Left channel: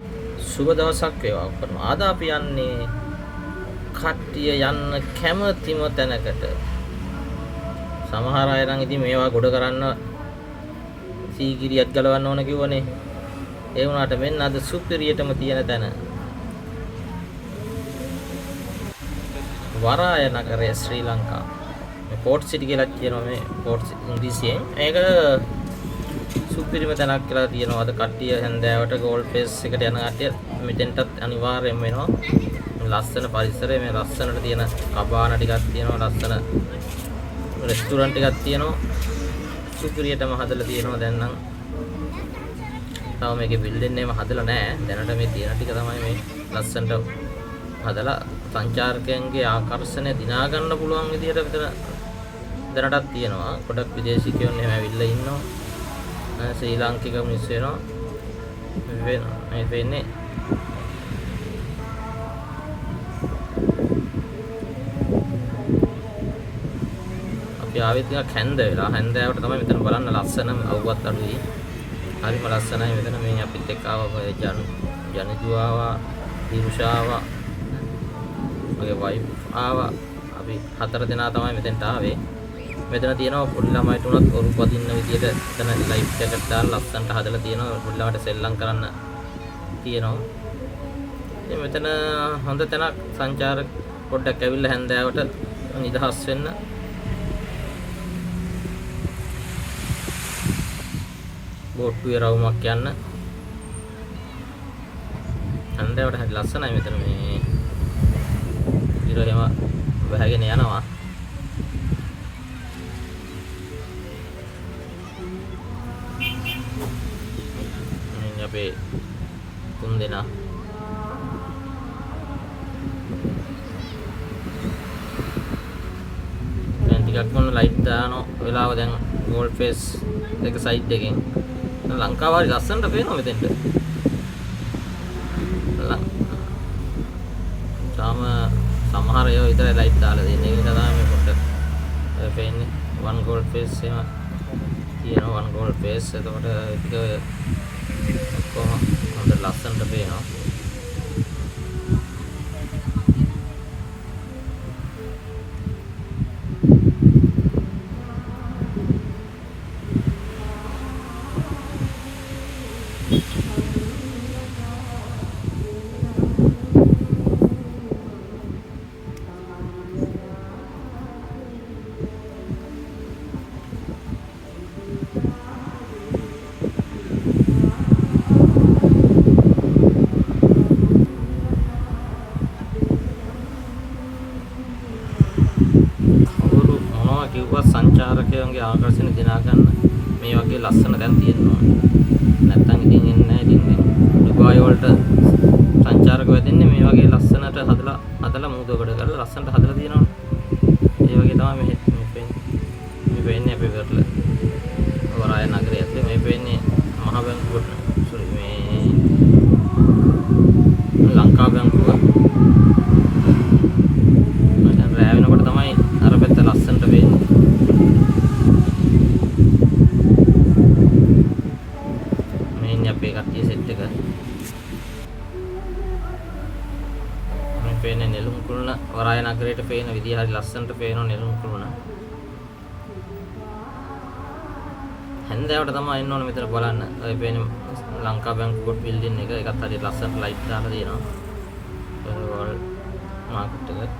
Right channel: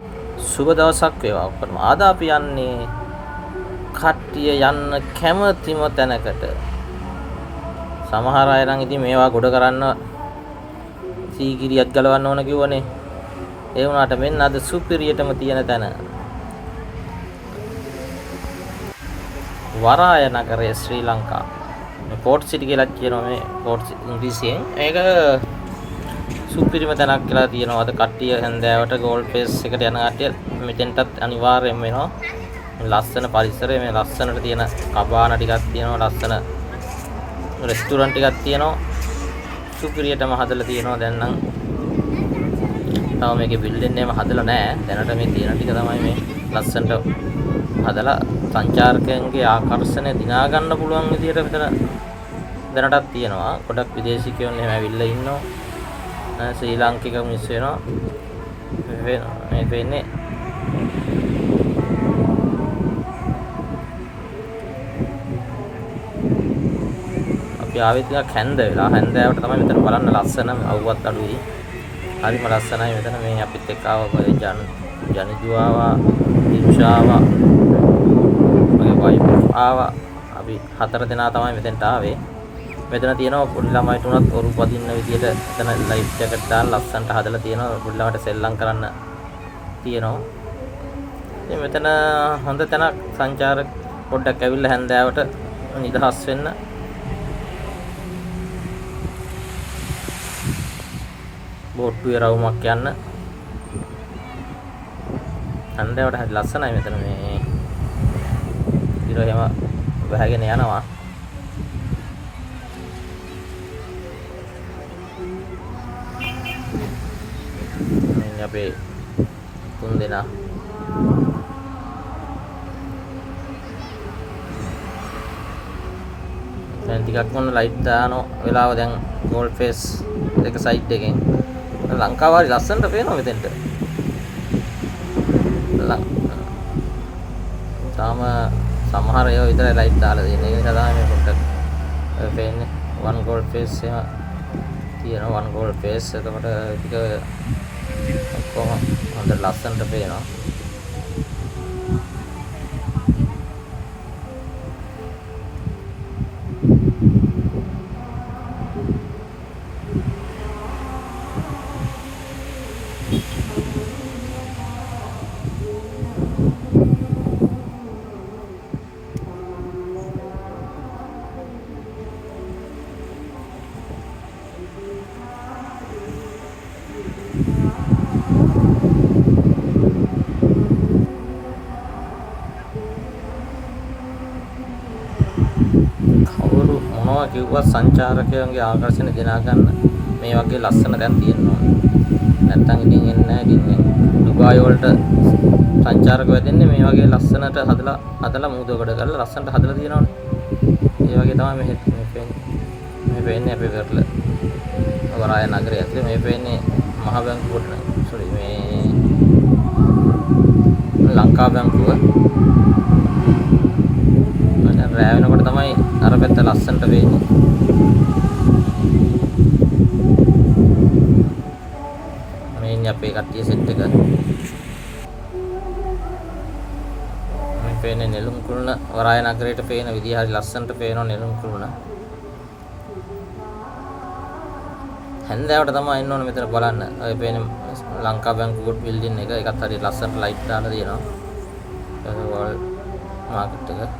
සුබ දවසක් වේවා ඔක්කොටම. අද අපි යන්නේ කට්ටිය යන්න කැමතිම තැනකට. සමහර අය නම් ඉතින් මේවා ගොඩ කරන්න සීගිරියක් ගලවන්න ඕන කිව්වනේ. ඒ වුණාට මෙන්න අද සුපිරියටම තියෙන තැන. වරාය නගරය ශ්‍රී ලංකා. මේ පෝට් සිටි කියලා කියනවා මේ පෝට් ඉංග්‍රීසියෙන්. ඒක සුපිරිම තැනක් කියලා තියෙනවා. අද කට්ටිය හැන්දෑවට ගෝල්ඩ් ෆේස් එකට යන කට්ටිය මෙතෙන්ටත් අනිවාර්යයෙන්ම වෙනවා. ලස්සන පරිසරය, මේ ලස්සනට තියෙන කබාන ටිකක් තියෙනවා, ලස්සන රෙස්ටුරන්ට් ටිකක් තියෙනවා. සුපිරියටම හදලා තියෙනවා. දැන් නම් තව මේකේ බිල්ඩින් එකම හදලා නැහැ. දැනට මේ තියෙන ටික තමයි මේ ලස්සනට හදලා සංචාරකයන්ගේ ආකර්ෂණය දිනා ගන්න පුළුවන් විදිහට මෙතන දැනටත් තියෙනවා. ගොඩක් විදේශිකයෝ එහෙම ඇවිල්ලා ඉන්නවා. ශ්‍රී ලාංකික මිනිස්සු වෙනවා. මේ වෙන්නේ අපි ආවේ ටිකක් හැන්ද වෙලා. හැන්දෑවට තමයි මෙතන බලන්න ලස්සන අවුවත් අඩුයි. හරිම ලස්සනයි මෙතන. මේ අපිත් එක්ක ආව ජනිදු ආවා, දිනුෂා ආවා, මගේ වයිෆ් ආවා. අපි 4 දෙනා තමයි මෙතෙන්ට ආවේ. මෙතන තියෙනවා පොඩි ළමයිට උනත් ඔරු පදින්න විදියට එතන ලයිෆ් ජැකට් දාලා ලස්සනට හදලා තියෙනවා. පොඩි ළමයිට සෙල්ලම් කරන්න තියෙනවා. ඉතින් මෙතන හොඳ තැනක් සංචාරක පොඩ්ඩක් ඇවිල්ලා හැන්දෑවට නිදහස් වෙන්න. බෝට්ටුවේ රවුමක් යන්න. හැන්දෑවට හරි ලස්සනයි මෙතන මේ ඉර එහෙම බහගෙන යනවා. අපේ 3 දෙනා දැන් ටිකක් මොන ලයිට් දාන වෙලාව දැන් ගෝල්ඩ් ෆේස් එක සයිඩ් එකෙන් ලංකාව හරි ලස්සනට පේනවා මෙතෙන්ට. තාම සමහර ඒවා විතරයි ලයිට් දාලා තියෙන්නේ. ඒක නිසා තමයි මේ පොඩ්ඩක් පේන්නේ. වන් ගෝල්ඩ් ෆේස් එහෙම තියෙනවා. වන් ගෝල්ඩ් ෆේස්. එතකොට ටික ඔක්කොම හොඳ ලස්සනට පේනවා. කිව්වා සංචාරකයන්ගේ ආකර්ෂණ දිනා ගන්න මේ වගේ ලස්සන තැන් තියෙනවා. නැත්තම් ඉතින් එන්නේ නැහැ. ඉතින් ඩුබායි වලට සංචාරකයෝ වැදෙන්නේ මේ වගේ ලස්සනට හදලා මූදවකට කරලා ලස්සනට හදලා තියෙනවනේ. ඒ වගේ තමයි මේ පේන්නේ අපේ වෙරළ වරාය නගරය ඇතුලේ මේ පේන්නේ මහ බැංකුවට මේ ලංකා බැංකුව. රෑ වෙනකොට තමයි අර පැත්ත ලස්සනට වෙන්නේ. මේ ඉන්නේ අපේ කට්ටිය සෙට් එක. මේ පේන්නේ නෙළුම් කුළුණ වරාය නගරයට පේන විදිහ හරි ලස්සනට පේනවා නෙළුම් කුළුණ. හැන්දෑවට තමයි එන්න ඕනේ මෙතන බලන්න. ඔය පේන්නේ ලංකා බැංකුව බිල්ඩින් එක. ඒකත් හරි ලස්සනට ලයිට් දාලා තියෙනවා. වෝල් මාකට් එක.